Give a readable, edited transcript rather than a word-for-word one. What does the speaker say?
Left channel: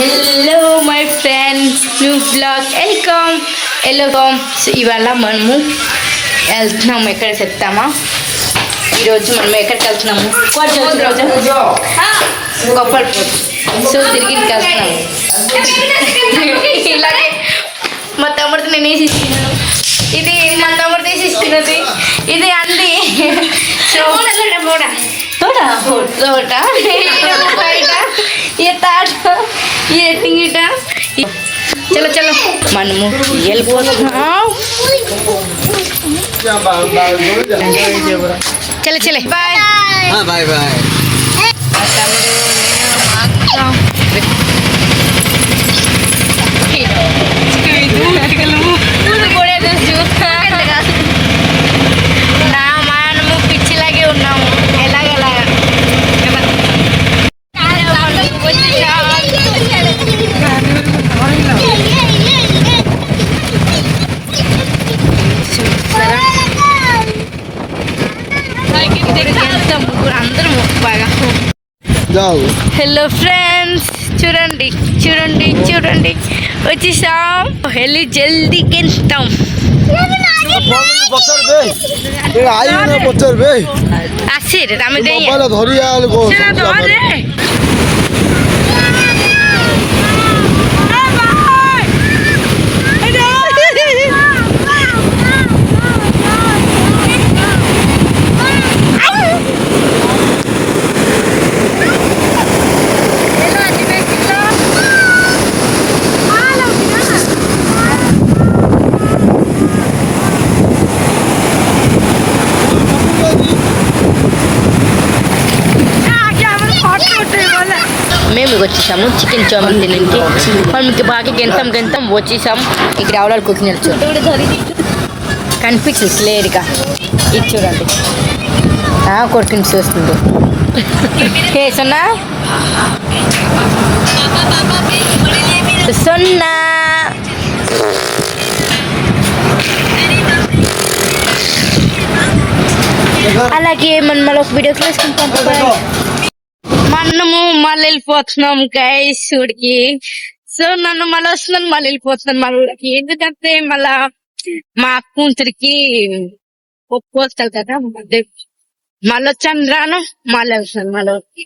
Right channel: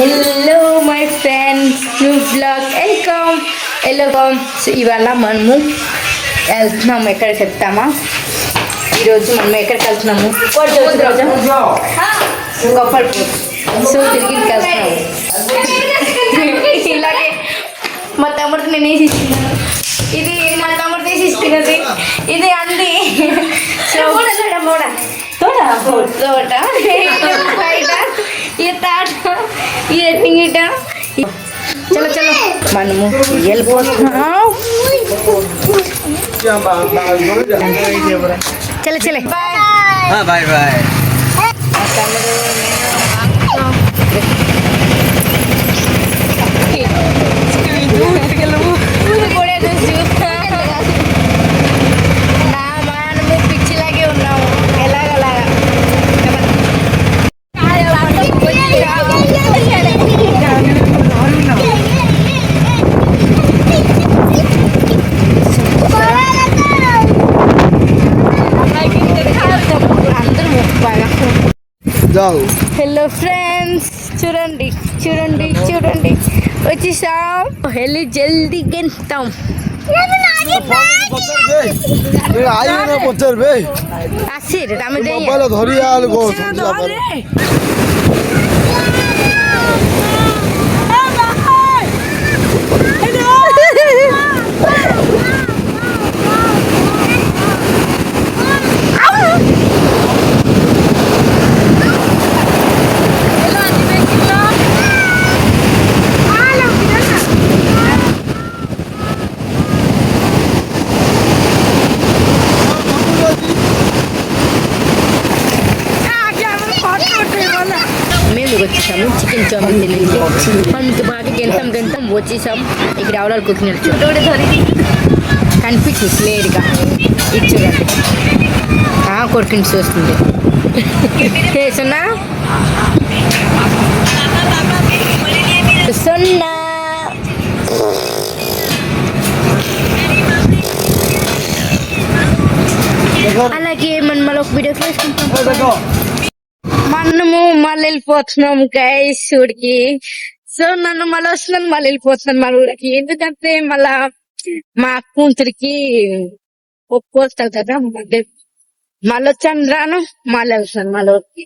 Hello my friends, new blog welcome. ఇవాళ మనము వెళ్తున్నాము. ఎక్కడ చెప్తామా? ఈరోజు మనం ఎక్కడికి వెళ్తున్నాము? కొప్పల్పూర్. సో తిరిగి వెళ్తున్నాము. ఇలాగే మా తమ్ముడికి నేను వేసి ఇస్తున్నాను. ఇది మా తమ్ముడు తీసి ఇస్తున్నది. ఇది అంది. సో తోట బయట ఈ తాట ఈ గిట. చలో చలో మనము వెళ్ళిపోతున్నాం. చలో చలే బాయ్ బాయ్ బాయ్. నా మనము పిచ్చిలాగే ఉన్నాము. ఎలాగలాగా అందరూ బాగా. హలో ఫ్రెండ్స్, చూడండి చూడండి చూడండి వచ్చేసాం. వెళ్ళి జల్దీ గెలుస్తాం. আসির আমি দেই మేము వచ్చేసాము. చికెన్ చామిన్ తినడానికి మనకి బాగా గెంతం వచ్చేసాం. ఇక్కడ రావడాలు కుకింగ్ కనిపించింది క్లియర్గా. ఇది చూడండి, కొడుకుని చూస్తుంది. సున్నా సున్నా అలాగే మనం మళ్ళీ ఒక వీడియోస్ వేసుకుంటాం. మనము మళ్ళీ వెళ్ళిపోతున్నాం గైస్ ఊరికి. సో నన్ను మళ్ళీ వస్తున్నాను, మళ్ళీ వెళ్ళిపోతున్నాను మన ఊరికి. ఎందుకంటే మళ్ళా మా కూతురికి ఒప్పుకోస్తారు కదా. మళ్ళీ వచ్చాను రాను, మళ్ళీ వస్తాను మళ్ళీ ఊరికి.